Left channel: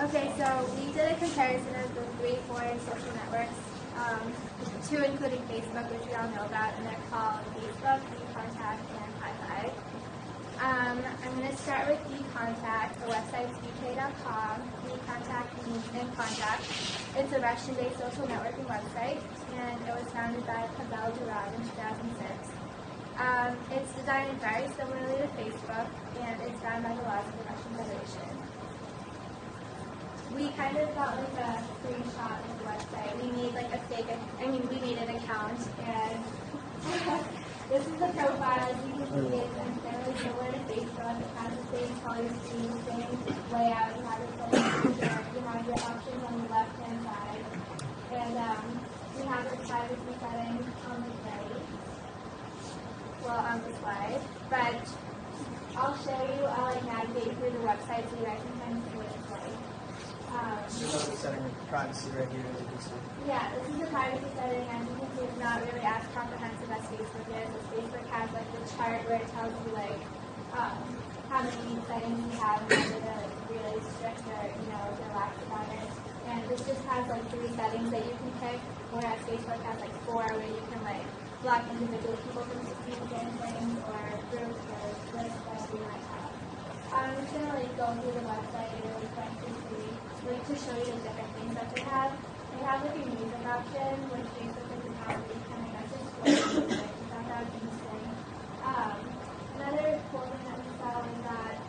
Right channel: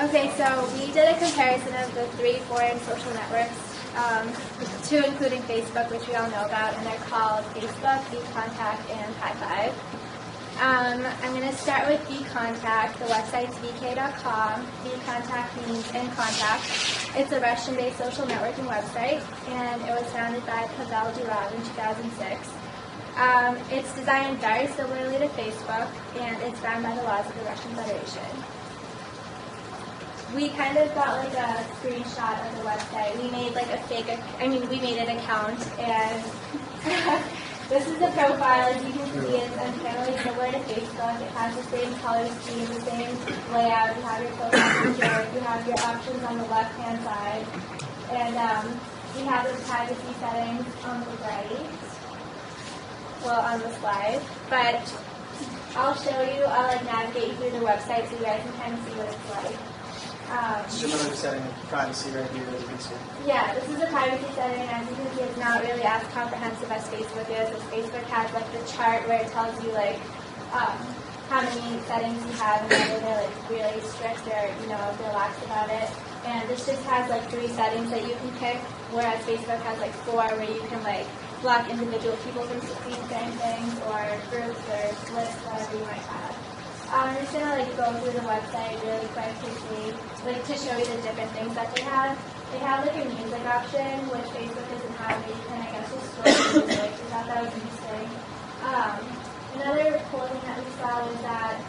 Okay, so we did a comparison of the 3 foreign social networks, 2 including Facebook, which we all know about, and they're called Facebook, VKontakte, and Hi5. I'm going to start with VKontakte. The website's vk.com. VKontakte means in contact. It's a Russian-based social networking website, and it was founded by Pavel Durov in 2006. It's designed very similarly to Facebook, and it's bound by the laws of the Russian Federation. We kind of got like a screenshot of the website. We made like a we made an account, and this is the profile. As you can see, it's generally similar to Facebook. It has the same color scheme, the same layout. You have your profile picture, you have your options on the left-hand side, and we have the privacy settings on the right, well, on the slide. But I'll show you, I'll like navigate you through the website so you guys can kind of see what it's like. This is another setting of privacy right here, as you can see. Yeah, this is a privacy setting. As you can see, it's not really as comprehensive as Facebook is. As Facebook has like the chart where it tells you like how many settings you have and whether they're like really strict or if they're lax about it. And this just has like 3 settings that you can pick, whereas Facebook has like 4 where you can like block individual people from seeing certain things or groups or lists, whatever you might have. I'm just going to like go through the website really quick to see, like to show you the different things that they have. They have like a music option, which Facebook doesn't have, but you can, I guess, just store music. We thought that was interesting. Another cool thing that we saw was that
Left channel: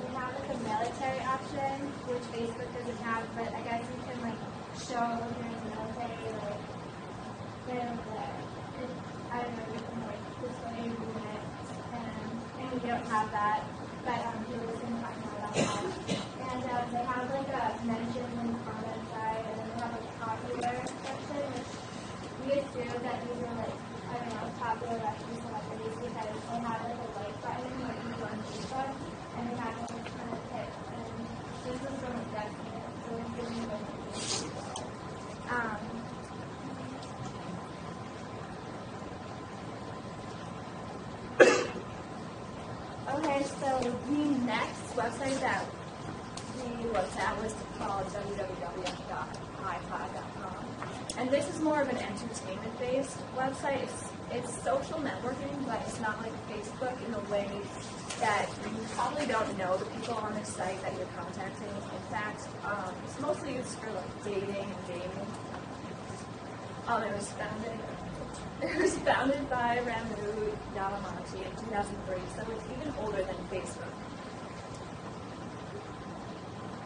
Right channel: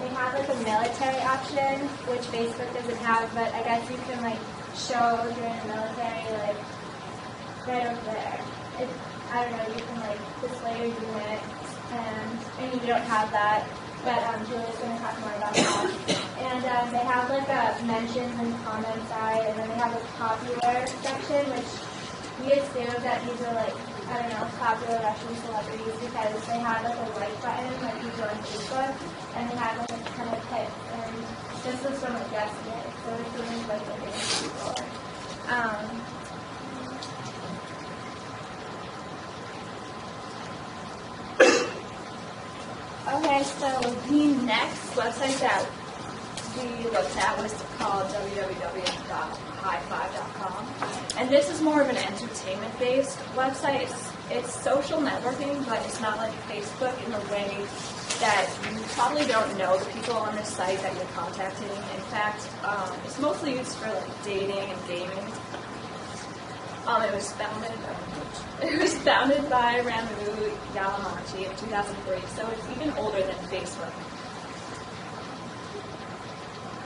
they have like a military option, which Facebook doesn't have, but I guess you can like show if you're in the military, like right over there. I don't know, you can like display your unit, and you don't have that. But Julia's going to talk more about that. And they have like a mentions and comments side, and then they have a popular section, which we assume that these are like, I don't know, popular Russian celebrities because they have like a like button like you do on Facebook, and they have like a ton of hits. And this was from like yesterday, so we're assuming like the famous people. Okay, so the next website that we looked at was called www.hi5.com. And this is more of an entertainment-based website. It's social networking, but it's not like Facebook in the way that you probably don't know the people on this site that you're contacting. In fact, it's mostly used for like dating and gaming. It was founded by Ramu Yalamachi in 2003, so it's even older than Facebook.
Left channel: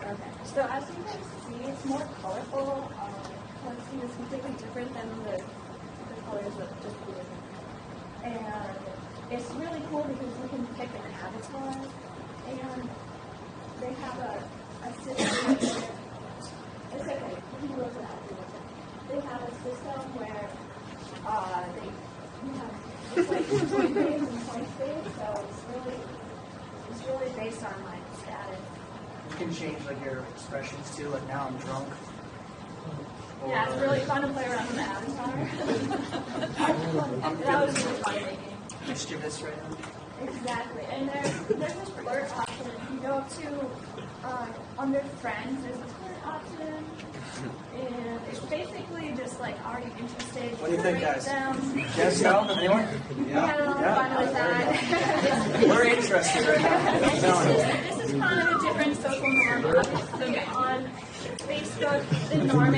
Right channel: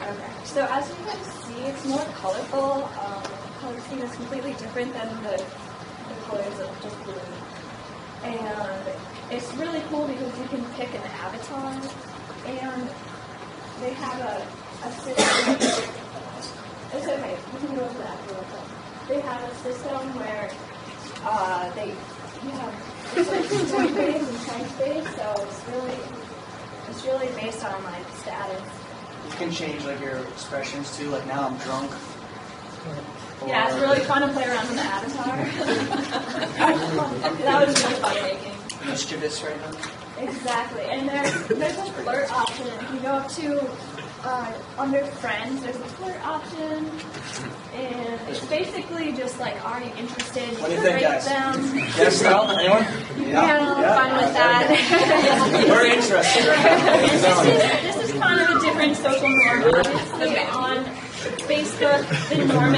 Okay, so as you can see, it's more colorful. The color scheme is completely different than the colors of just blue. And it's really cool because you can pick an avatar, and they have a system. It's okay, you can go to that if you want to. They have a system where you have it's like point based and point based, so it's really based on like status. You can change like your expressions too. Like now I'm drunk. Yeah, it's really fun to play around with the avatar. That was really fun making. Mischievous right now. Exactly, and there's a flirt option. If you go up to under friends, there's a flirt option, and it's basically just like, are you interested? What do you think, guys? Them. Yes, no? Anyone? We had a little fun with that. We're interested right now. And this is kind of a different social norm. Obviously, on Facebook, the norm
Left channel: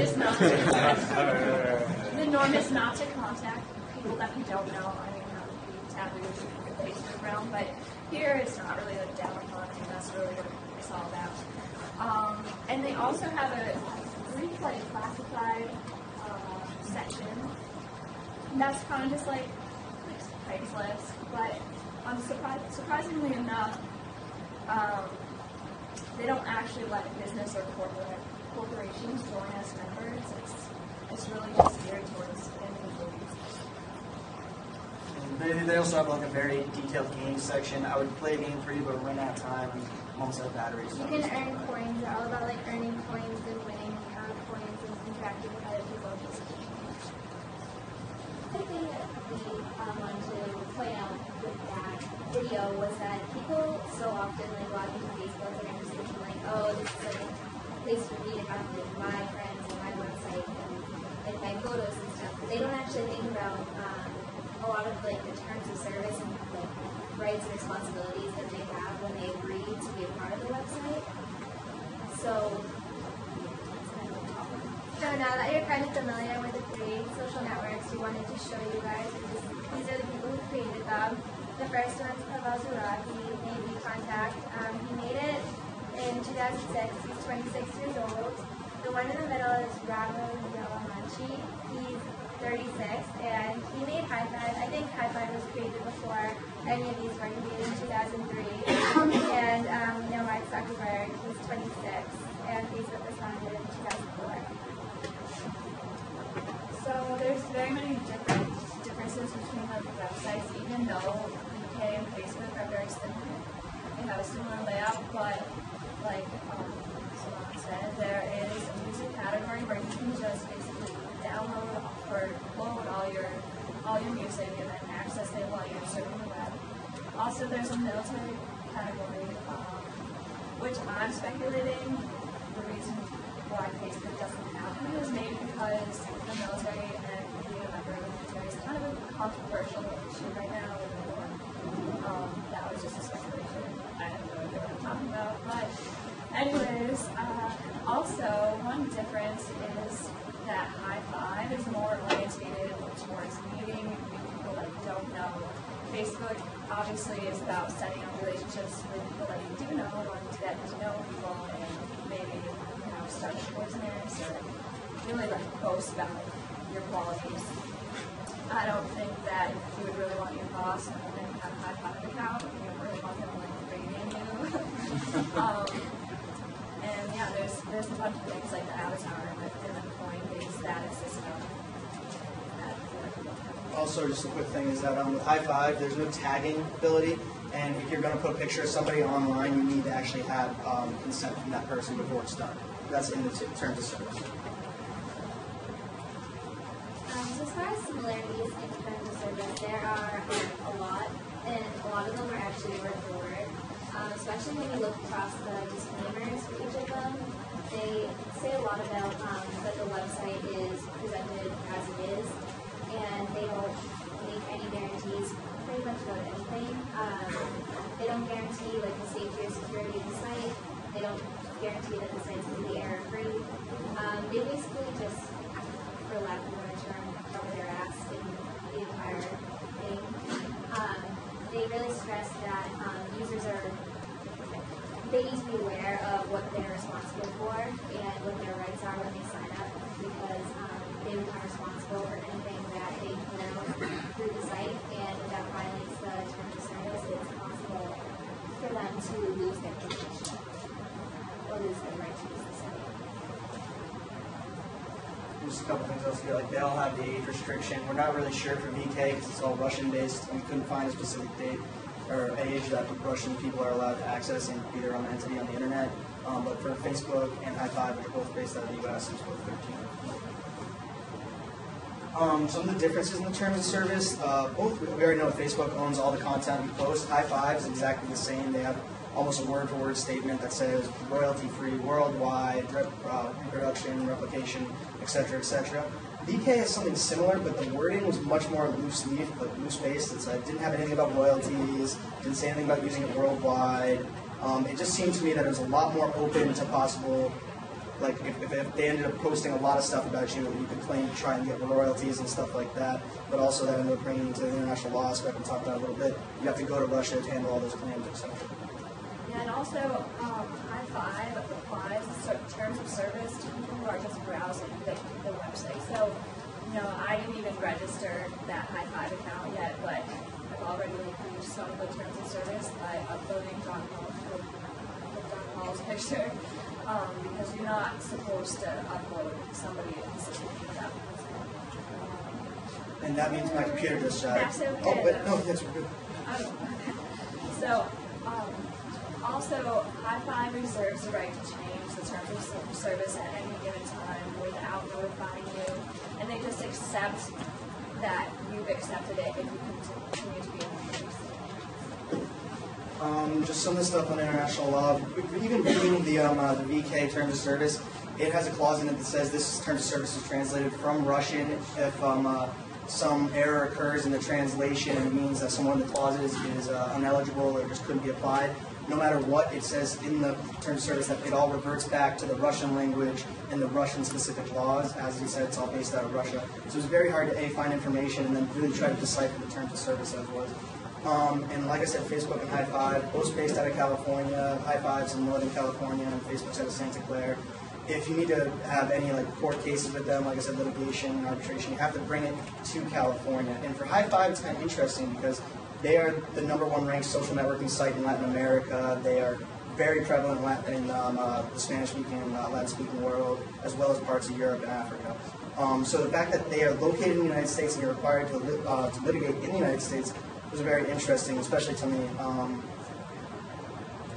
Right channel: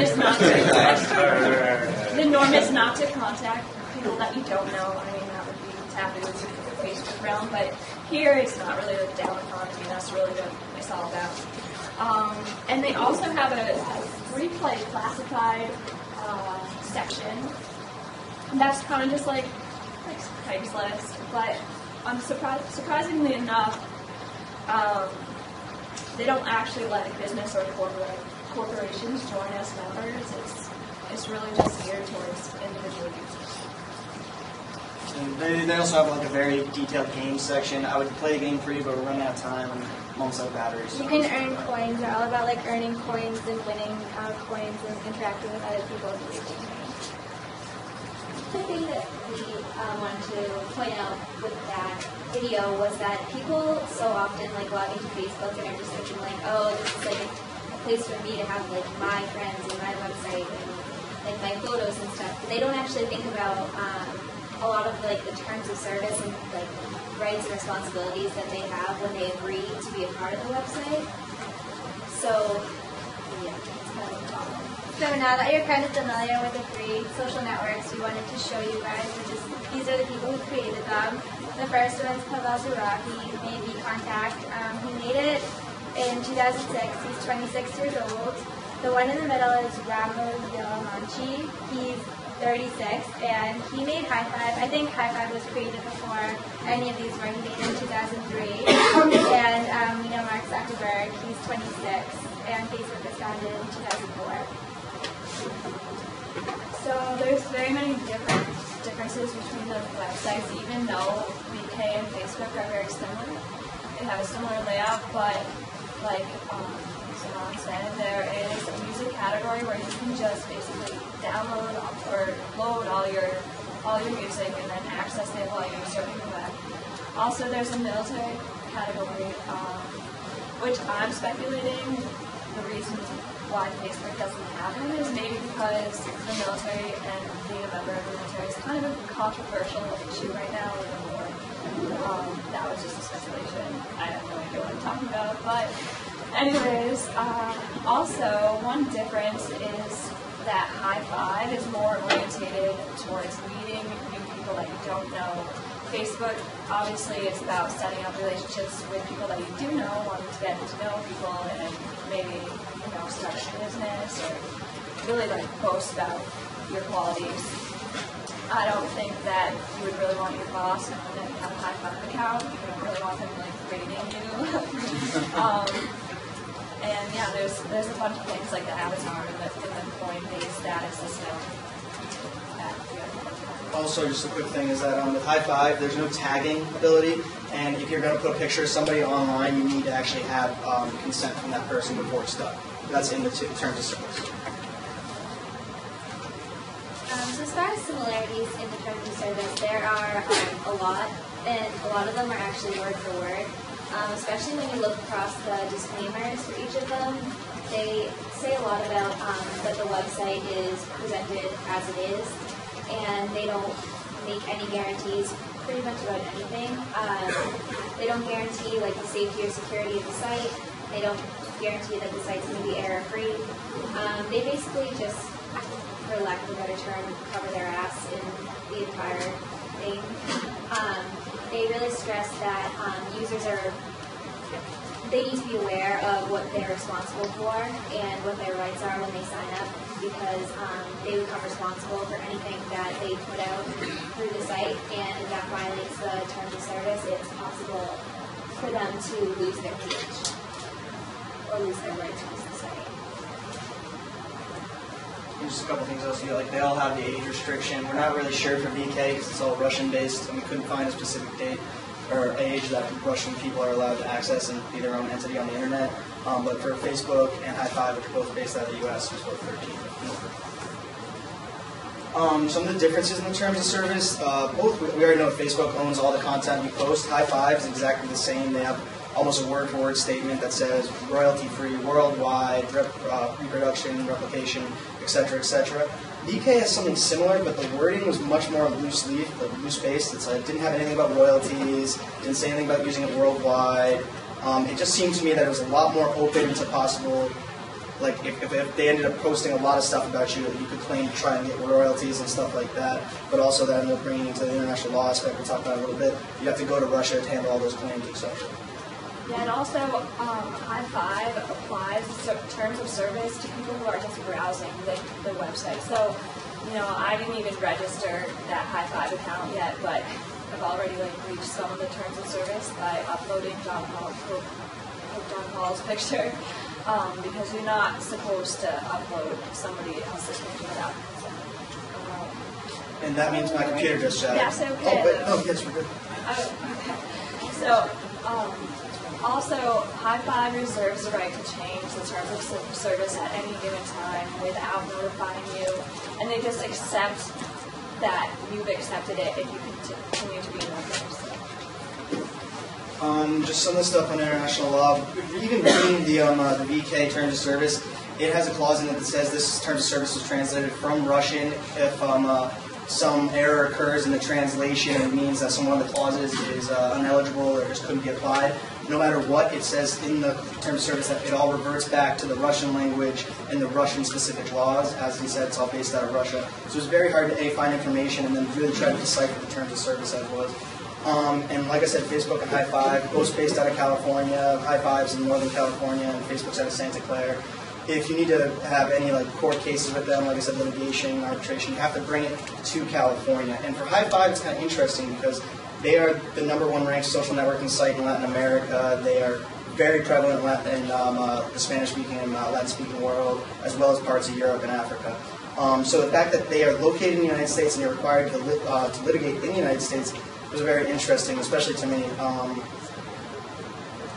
is not to contact people that you don't know. I mean, that would be taboo in the Facebook realm, but here it's not really looked down upon. I mean, that's really what it's all about. And they also have a replay classified section. And that's kind of just like Craigslist, but surprisingly enough, they don't actually let business or corporations join as members. It's really just geared towards individual users. And they also have like a very detailed game section. I would play a game for you, but we're running out of time and I'm almost out of battery. So. You can earn coins. They're all about like earning coins and winning coins and interacting with other people. The thing that we wanted to point out with that video was that people so often like log into Facebook and are just thinking like, oh, this is like a place for me to have like my friends and my website and like my photos and stuff. But they don't actually think about a lot of like the terms of service and like rights and responsibilities that they have when they agree to be a part of the website. So yeah, it's kind of a problem. So now that you're kind of familiar with the 3 social networks, we wanted to show you guys, these are the people who created them. The first one's Pavel Durov. He made VKontact. He made it in 2006. He's 26 years old. The one in the middle is Ramo Yelamanchi. He's 36, and he made High Five. I think High Five was created before any of these were. He made it in 2003. And we know Mark Zuckerberg. He's 26, and Facebook was founded in 2004. So there's very many differences between the websites, even though VK and Facebook are very similar. They have a similar layout, but like Simone said, there is a music category where you can just basically download or load all your music and then access it while you're surfing the web. Also, there's a military category, which I'm speculating the reason why Facebook doesn't have it is maybe because the military and being a member of the military is kind of a controversial issue right now with the war. That was just a speculation. I have no idea what I'm talking about. But anyways, also one difference is that High Five is more orientated towards meeting new people that you don't know. Facebook, obviously, it's about setting up relationships with people that you do know, wanting to get to know people and maybe, start a business or really boast about your qualities. I don't think that you would really want your boss knowing that you have a High Five account. You don't really want them rating you. And yeah, there's a bunch of things like the avatar and the coin-based status system that we have to look at. Also, just a quick thing is that with High Five, there's no tagging ability, and if you're going to put a picture of somebody online, you need to actually have consent from that person before it's done. That's in the terms of service. So as far as similarities in the terms of service, there are a lot, and a lot of them are actually word for word. Especially when you look across the disclaimers for each of them, they say a lot about that the website is presented as it is, and they don't make any guarantees pretty much about anything. They don't guarantee the safety or security of the site. They don't guarantee that the site's going to be error-free. They basically just, for lack of a better term, cover their ass in the entire thing. They really stress that users they need to be aware of what they're responsible for and what their rights are when they sign up, because they become responsible for anything that they put out through the site, and if that violates the terms of service, it's possible for them to lose their page or lose their right to use the site. Just a couple things else here, they all have the age restriction. We're not really sure for VK because it's all Russian-based, and we couldn't find a specific date or age that Russian people are allowed to access and be their own entity on the internet. But for Facebook and High Five, which are both based out of the U.S., it's both 13 and over. Some of the differences in the terms of service, both we already know Facebook owns all the content you post. High Five is exactly the same. They have almost a word-for-word statement that says royalty-free worldwide, reproduction, replication, etc., etc. VK has something similar, but the wording was much more loose-leaf, loose-based. It didn't have anything about royalties, didn't say anything about using it worldwide. It just seemed to me that it was a lot more open to possible, if they ended up posting a lot of stuff about you, you could claim to try and get royalties and stuff like that, but also that ended up bringing into the international law aspect we talked about a little bit. You have to go to Russia to handle all those claims, etc. Yeah, and also High Five applies terms of service to people who are just browsing the website. So, I didn't even register that High Five account yet, but I've already breached some of the terms of service by uploading John Paul's picture, because you're not supposed to upload somebody else's picture without consent. And that means my computer just shattered. That's okay. Oh, wait, no, yes, we're good. Oh, okay. So, also, High Five reserves the right to change the terms of service at any given time without notifying you, and they just accept that you've accepted it if you continue to be a member. So. Just some of the stuff on international law. Even reading the VK Terms of Service, it has a clause in it that says this Terms of Service is translated from Russian if some error occurs in the translation and it means that some one of the clauses is ineligible or just couldn't be applied. No matter what, it says in the Terms of Service that it all reverts back to the Russian language and the Russian-specific laws. As he said, it's all based out of Russia. So it's very hard to find information and then really try to decipher the Terms of Service as was. And like I said, Facebook and High Five, both based out of California. High Five's in Northern California, and Facebook's out of Santa Clara. If you need to have any court cases with them, like I said, litigation, arbitration, you have to bring it to California. And for High Five, it's kind of interesting because they are the #1 ranked social networking site in Latin America. They are very prevalent in the Spanish-speaking and Latin-speaking world, as well as parts of Europe and Africa. So the fact that they are located in the United States and you're required to litigate in the United States was very interesting, especially to me.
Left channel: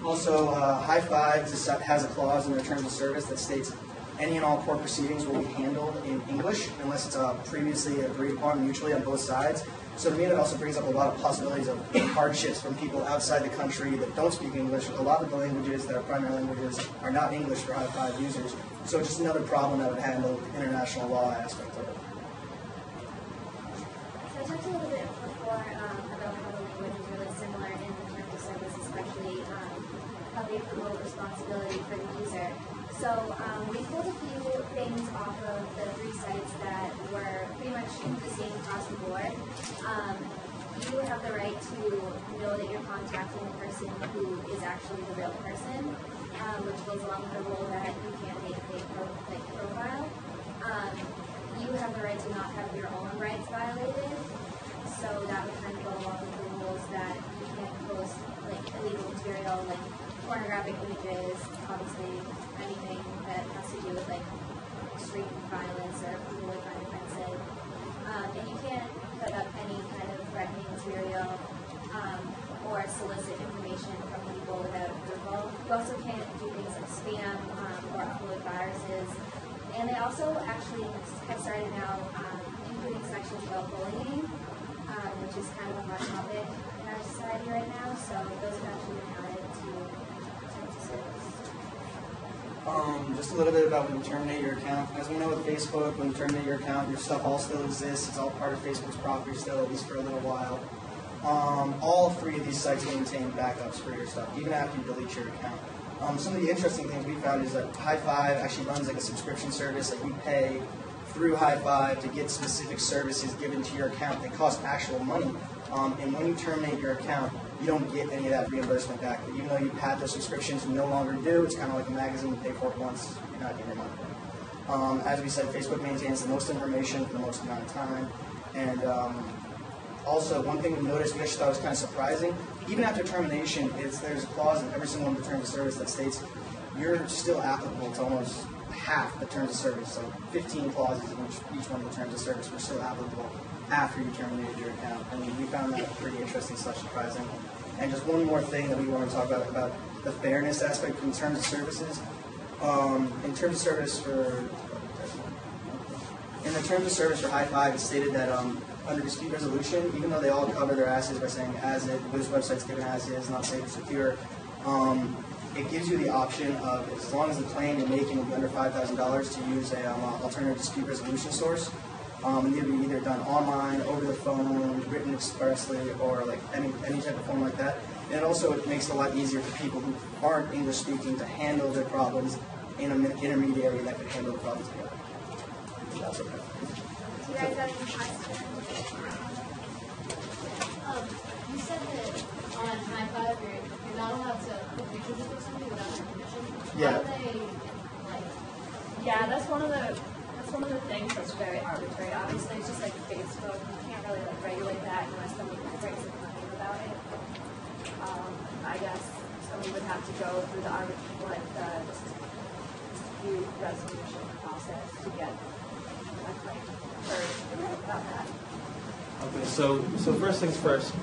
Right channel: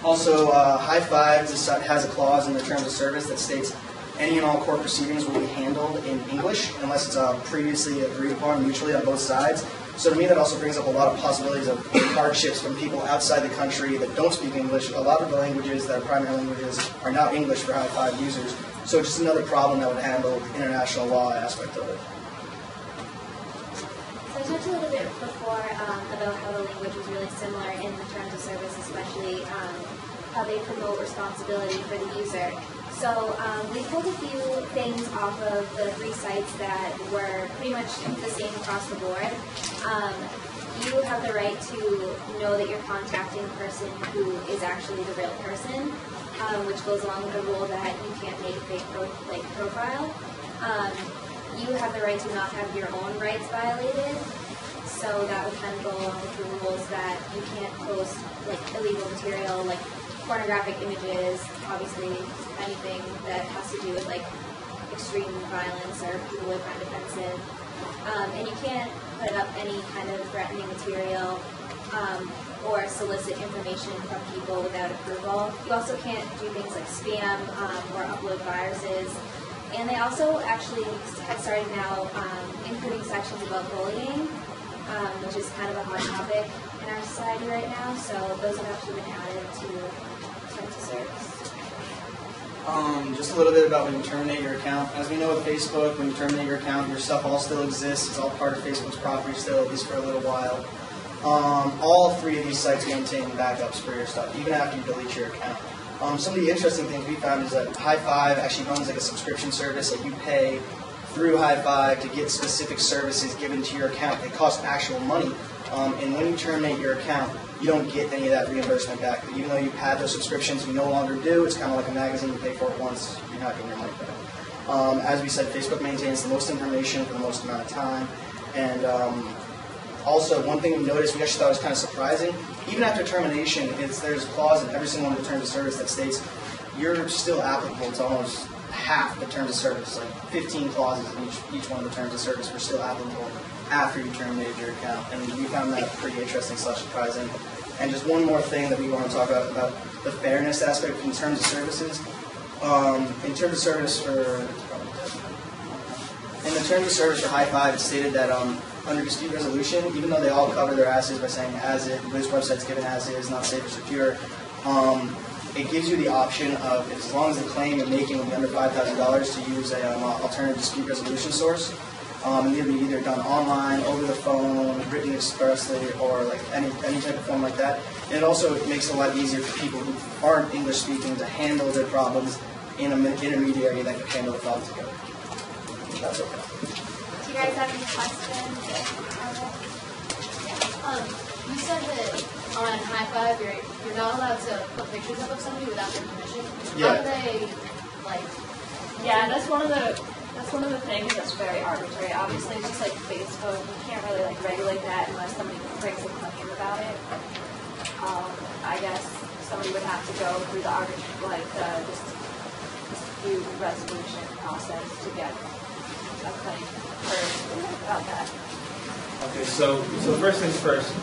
Also, High Five has a clause in the Terms of Service that states any and all court proceedings will be handled in English unless it's previously agreed upon mutually on both sides. So to me, that also brings up a lot of possibilities of hardships from people outside the country that don't speak English. A lot of the languages that are primary languages are not English for High Five users. So just another problem that would handle the international law aspect of it. So I talked a little bit before about how the language was really similar in the Terms of Service, especially how they promote responsibility for the user. So we pulled a few things off of the 3 sites that were pretty much the same across the board. You have the right to know that you're contacting a person who is actually the real person, which goes along with the rule that you can't make a fake profile. You have the right to not have your own rights violated, so that would kind of go along with the rules that you can't post illegal material like pornographic images, obviously anything that has to do with extreme violence or people would find offensive. And you can't put up any kind of threatening material or solicit information from people without approval. You also can't do things like spam or upload viruses. And they also actually have started now including sections about bullying, which is kind of a hot topic in our society right now. So those have actually been added to Terms of Service. Just a little bit about when you terminate your account. As we know with Facebook, when you terminate your account, your stuff all still exists. It's all part of Facebook's property still, at least for a little while. All 3 of these sites maintain backups for your stuff, even after you delete your account. Some of the interesting things we found is that High Five actually runs a subscription service that you pay through High Five to get specific services given to your account. They cost actual money. And when you terminate your account, you don't get any of that reimbursement back. But even though you've had those subscriptions, you no longer do. It's kind of like a magazine. You pay for it once, you're not getting your money back. As we said, Facebook maintains the most information for the most amount of time. And also, one thing we noticed, we actually thought was kind of surprising, even after termination, there's a clause in every single one of the Terms of Service that states you're still applicable to almost half the Terms of Service, 15 clauses in each one of the Terms of Service were still applicable after you terminated your account. And we found that pretty interesting / surprising. And just one more thing that we want to talk about the fairness aspect in Terms of Services. In Terms of Service for, it's probably dead now. In the Terms of Service for High Five, it stated that under dispute resolution, even though they all cover their asses by saying as is, this website's given as is, not safe or secure, it gives you the option of, as long as the claim you're making will be under $5,000, to use a alternative dispute resolution source. And it'll be either done online, over the phone, written expressly, or any type of form like that. And it also makes it a lot easier for people who aren't English speaking to handle their problems in an intermediary that can handle the problem together. That's okay. Do you guys have any questions or comments? You said that on High Five, you're not allowed to put pictures up of somebody without their permission. Yeah. How do they, Yeah, that's one of the things that's very arbitrary. Obviously, it's just like Facebook. You can't really regulate that unless somebody brings a claim about it. I guess somebody would have to go through the dispute resolution process to get a claim heard about that. Okay, so first things first.